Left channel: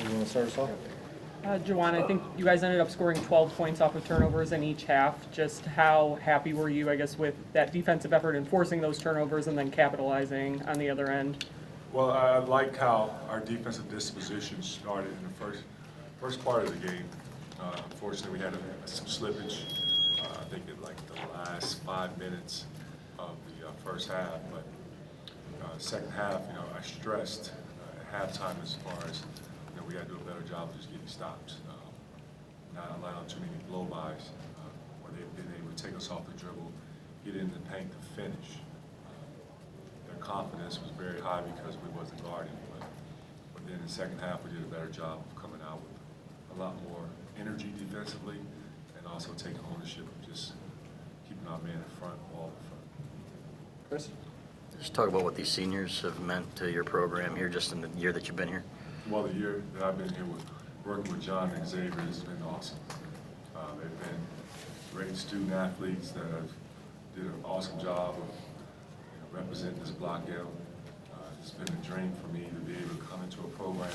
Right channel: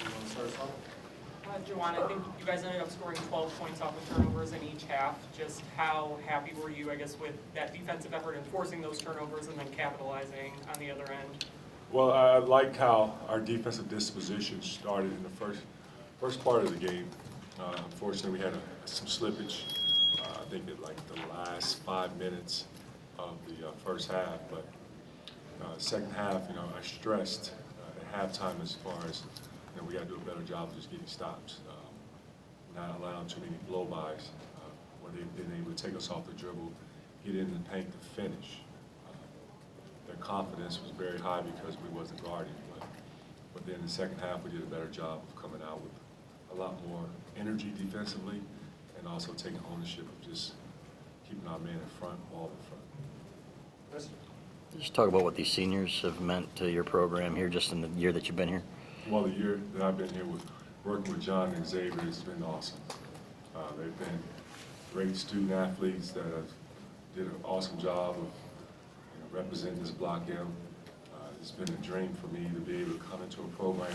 You want to start us off? Juwan, I think you guys ended up scoring 12 points off of turnovers in each half. Just how happy were you, I guess, with that defensive effort in forcing those turnovers and then capitalizing on the other end? Well, I like how our defensive disposition started in the first part of the game. Unfortunately, we had some slippage. I think in like the last 5 minutes of the first half, but second half, I stressed at halftime as far as we got to do a better job of just getting stops, not allowing too many blow-bys, where they've been able to take us off the dribble, get in the paint to finish. Their confidence was very high because we wasn't guarding, but then in the second half we did a better job of coming out with a lot more energy defensively and also taking ownership of just keeping our man in front, ball in front. Chris? Just talk about what these seniors have meant to your program here just in the year that you've been here. Well, the year that I've been here working with John and Xavier has been awesome. They've been great student athletes that have did an awesome job of representing this block M. It's been a dream for me to be able to come into a program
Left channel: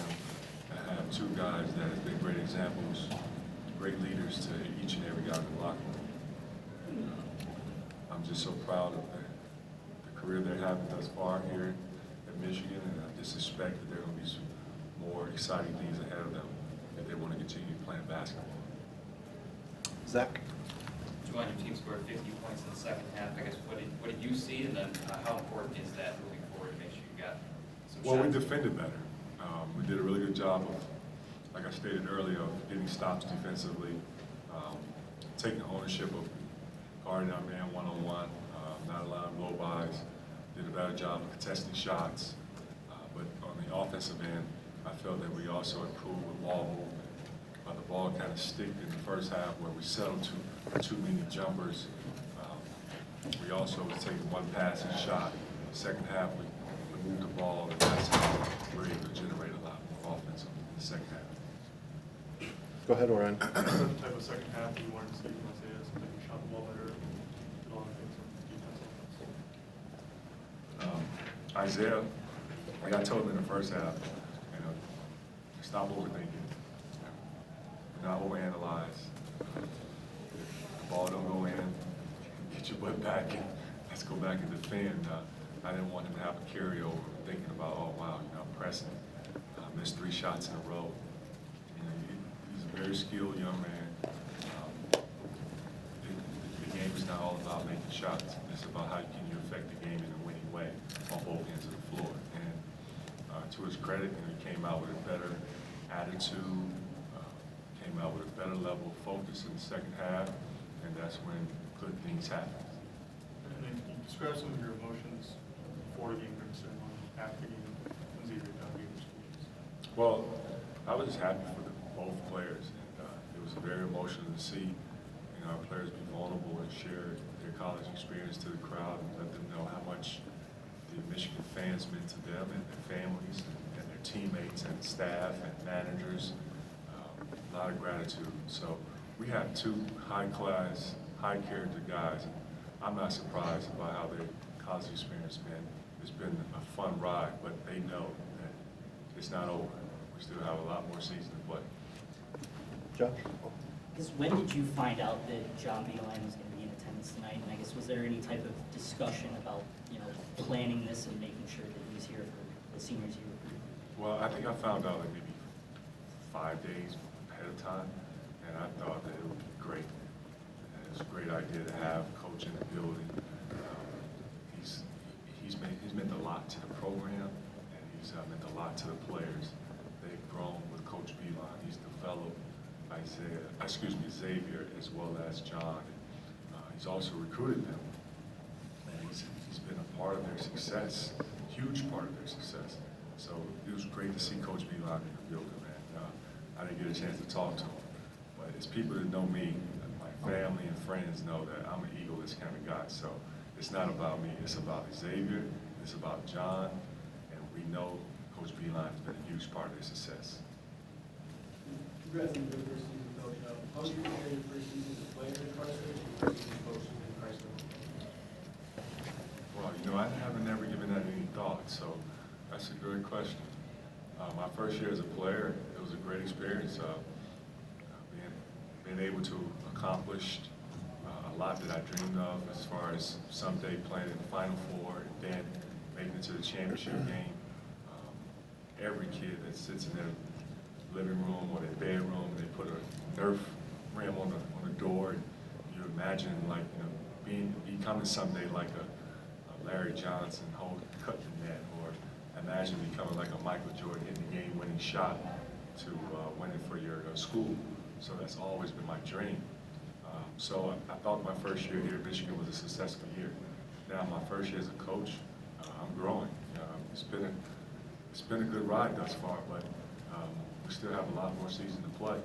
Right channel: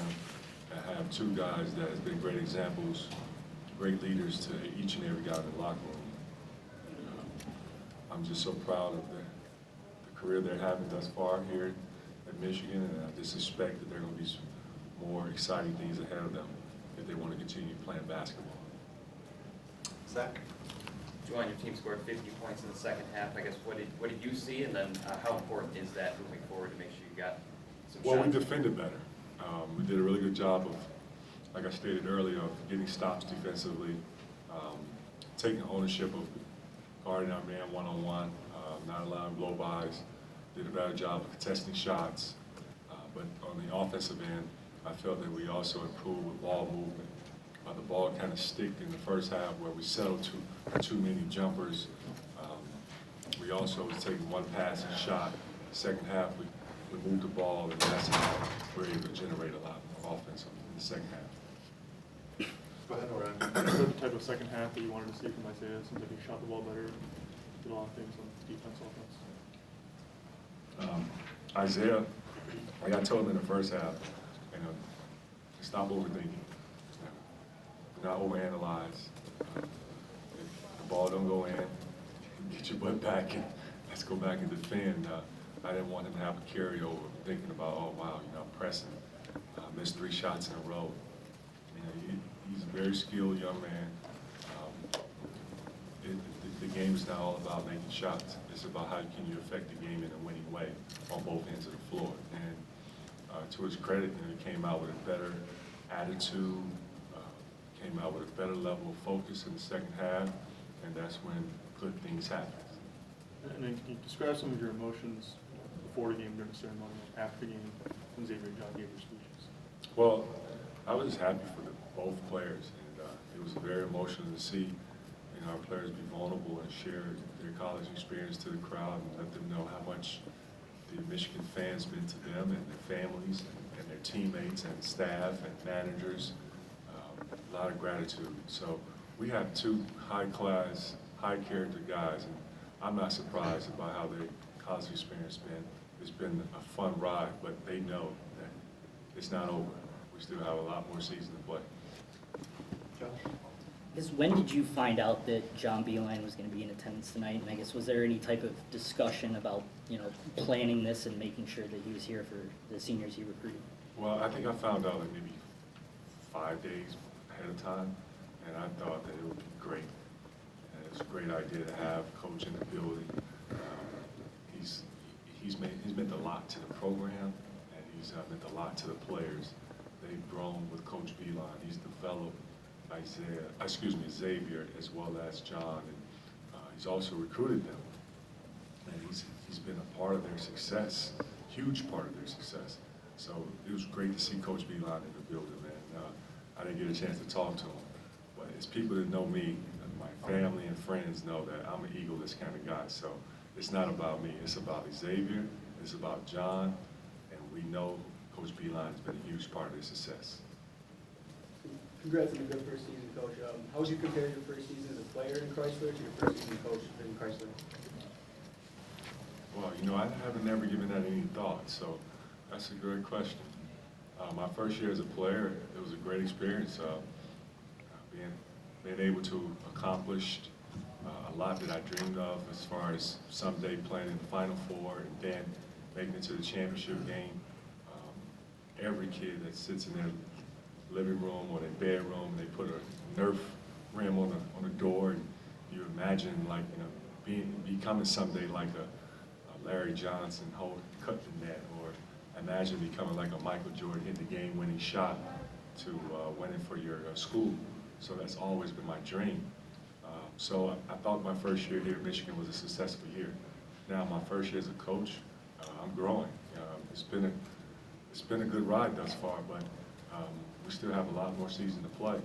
and have two guys that have been great examples, great leaders to each and every guy in the locker room. I'm just so proud of the career they're having thus far here at Michigan, and I just suspect that there are going to be some more exciting things ahead of them if they want to continue playing basketball. Zach? Juwan, your team scored 50 points in the second half. I guess what did you see, and then how important is that moving forward to make sure you got some Well, shots? we defended better. We did a really good job of, like I stated earlier, of getting stops defensively, taking ownership of guarding our man one-on-one, not allowing blow-bys. Did a better job of contesting shots. But on the offensive end, I felt that we also improved with ball movement. The ball kind of sticked in the first half where we settled too many jumpers. We also was taking one passing shot. Second half, we moved the ball, and that's how we were able to generate a lot more offense in the second half. Go ahead, Orion. The type of second half that you wanted to see from Isaiah? It seems like he shot the ball better, did a lot of things on defense, offense. Isaiah, like I told him in the first half, stop overthinking. Not overanalyze. If the ball don't go in, get your butt back and let's go back and defend. I didn't want him to have a carryover thinking about, oh wow, I'm pressing. Missed 3 shots in a row. He's a very skilled young man. The game is not all about making shots. It's about how can you affect the game in a winning way on both ends of the floor. And to his credit, he came out with a better attitude, came out with a better level of focus in the second half, and that's when good things happen. And then can you describe some of your emotions before the game, during the ceremony, after the game, when Xavier got the speeches? Well, I was happy for both players, and it was very emotional to see our players be vulnerable and share their college experience to the crowd and let them know how much the Michigan fans meant to them and their families and their teammates and staff and managers. A lot of gratitude. So we have 2 high-class, high-character guys, and I'm not surprised about how their college experience been. It's been a fun ride, but they know that it's not over. We still have a lot more season to play. Josh? I guess when did you find out that John Beilein was going to be in attendance tonight? And I guess was there any type of discussion about planning this and making sure that he was here for the seniors you recruited? Well, I think I found out like maybe 5 days ahead of time, and I thought that it would be great. And it's a great idea to have Coach in the building. He's meant a lot to the program, and he's meant a lot to the players. They've grown with Coach Beilein. He's developed Xavier as well as John. And, he's also recruited them, and he's been a part of their success, huge part of their success. So it was great to see Coach Beilein in the building, man. I didn't get a chance to talk to him, but it's people that know me, my family and friends know that I'm an egoist kind of guy. So it's not about me, it's about Xavier, it's about John, and we know Coach Beilein has been a huge part of their success. Congrats on your good first season, Coach. How would you compare your first season as a player in Chrysler to your first season coach in Chrysler? Well, I haven't never given that any thought, so that's a great question. My first year as a player, it was a great experience. Being able to accomplish a lot that I dreamed of as far as someday playing in the Final Four and then making it to the championship game. Every kid that sits in their living room or their bedroom, they put a Nerf rim on the door, and you imagine becoming someday like a Larry Johnson cutting the net, or imagine becoming like a Michael Jordan, hitting the game-winning shot to win it for your school. So that's always been my dream. So I thought my first year here at Michigan was a successful year. Now my first year as a coach, I'm growing. It's been a good ride thus far, but we still have a lot more season to play.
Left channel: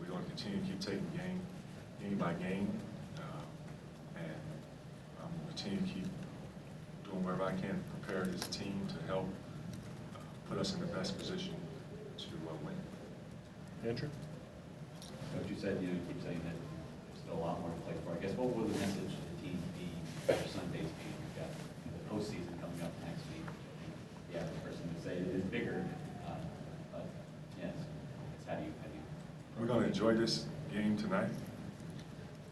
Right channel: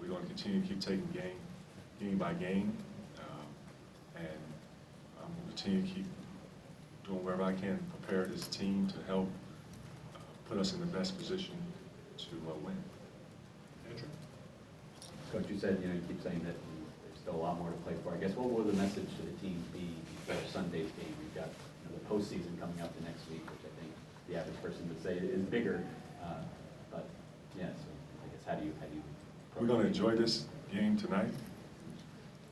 We're going to continue to keep taking game by game, and I'm going to continue to keep doing whatever I can to prepare this team to help put us in the best position to win. Andrew? Coach, you said, you keep saying that there's still a lot more to play for. I guess what will the message to the team be for Sunday's game? We've got the postseason coming up next week, which I think the average person would say is bigger. But yes, how do you? We're going to enjoy this game tonight,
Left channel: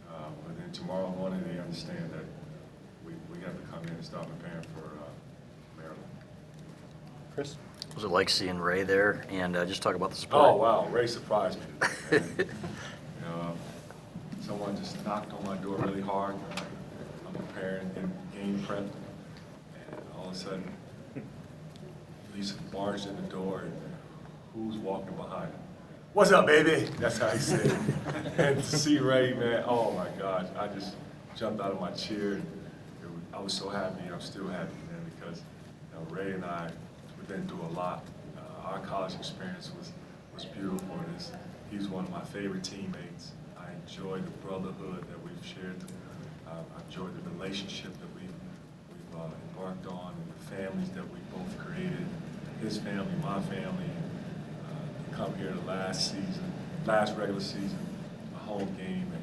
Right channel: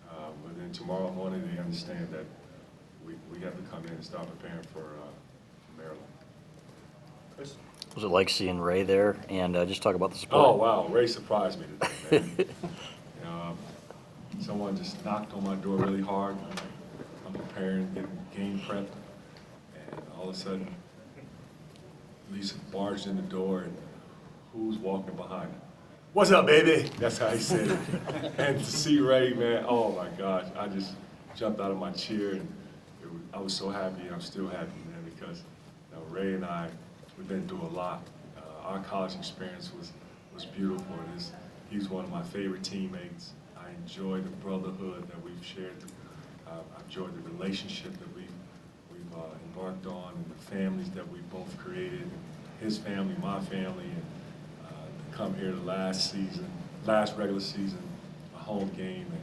but then tomorrow morning they understand that we have to come in and start preparing for Maryland. Chris? Was it like seeing Ray there? And just talk about the support. Oh wow, Ray surprised me today, man. Someone just knocked on my door really hard. I'm preparing, getting game prep, and all of a sudden, Lisa barged in the door, and who's walking behind her? What's up, baby? That's how he said it. And to see Ray, man, oh my gosh, I just jumped out of my chair, and I was so happy, and I'm still happy, man, because Ray and I, we've been through a lot. Our college experience was beautiful. He's one of my favorite teammates. I enjoy the brotherhood that we've shared. I enjoy the relationship that we've embarked on, and the families that we both created. His family, my family, and come here the last regular season, a home game, and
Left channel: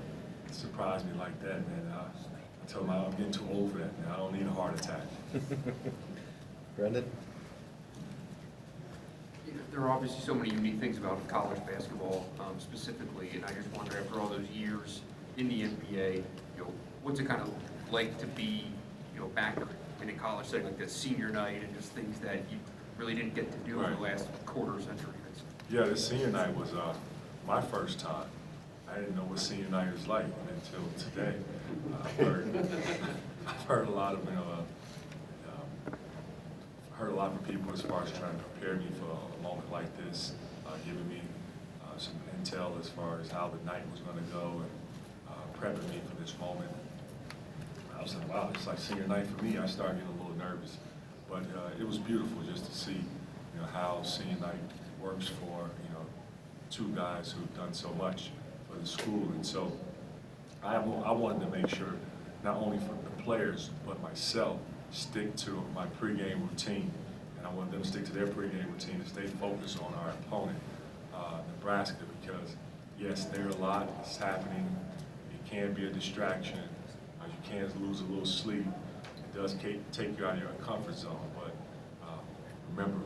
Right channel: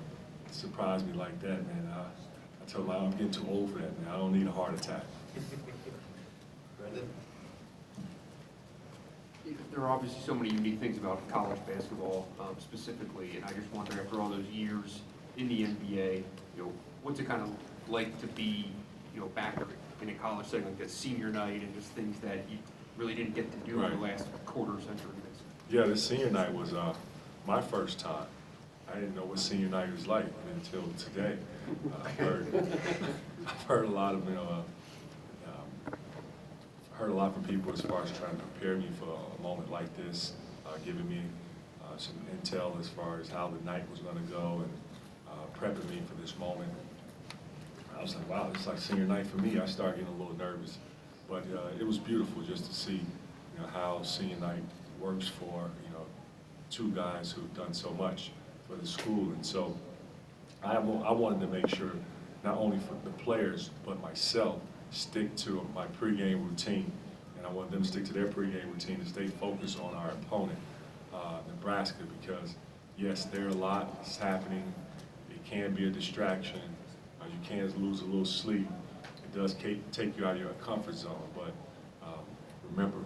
surprised me like that, man. I told him I'm getting too old for that, man. I don't need a heart attack. Brendan? There are obviously so many unique things about college basketball specifically, and I just wonder, after all those years in the NBA, what's it kind of like to be, back in a college setting like that, senior night, and just things that you really didn't get to do in the last quarter century? Yeah, the senior night was my first time. I didn't know what senior night was like until today. I've heard a lot of heard a lot from people as far as trying to prepare me for a moment like this, giving me some intel as far as how the night was going to go, and prepping me for this moment. I was like, wow, it's like senior night for me. I started getting a little nervous, but it was beautiful just to see, how senior night works for, two guys who've done so much for the school. And so I wanted to make sure, not only for the players, but myself, stick to my pregame routine. And I want them to stick to their pregame routine and stay focused on our opponent, Nebraska, because yes, there are a lot that's happening. It can be a distraction. You can lose a little sleep. It does take you out of your comfort zone, but remember,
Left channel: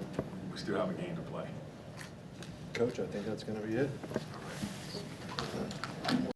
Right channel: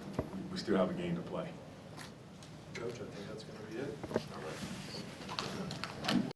we still have a game to play. Coach, I think that's going to be it. All right.